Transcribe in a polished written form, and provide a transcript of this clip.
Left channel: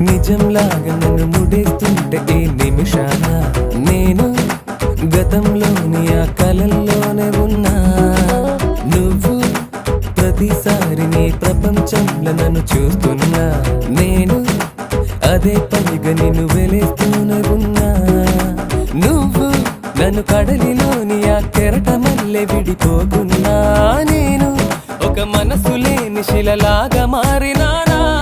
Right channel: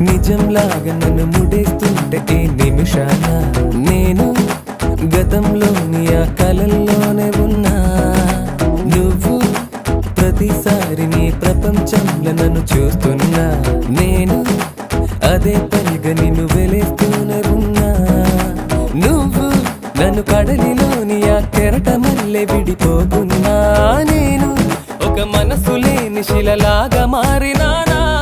నిజంలాగా నన్ను ముడేస్తుంటే ఏ నిమిషాన నేను గతంలోని ఆ కలల్లోనే ఉన్నా. నువ్వు ప్రతిసారి నీ ప్రపంచంలో నన్ను చూస్తున్నా. నేను అదే పనిగా నిన్ను వెలేస్తూనే ఉన్నా. నువ్వు నన్ను కడలిలోని ఆ కెరటమల్లె విడిపోకున్నా. నేను ఒక మనసు లేని శిలలాగా మారినానా.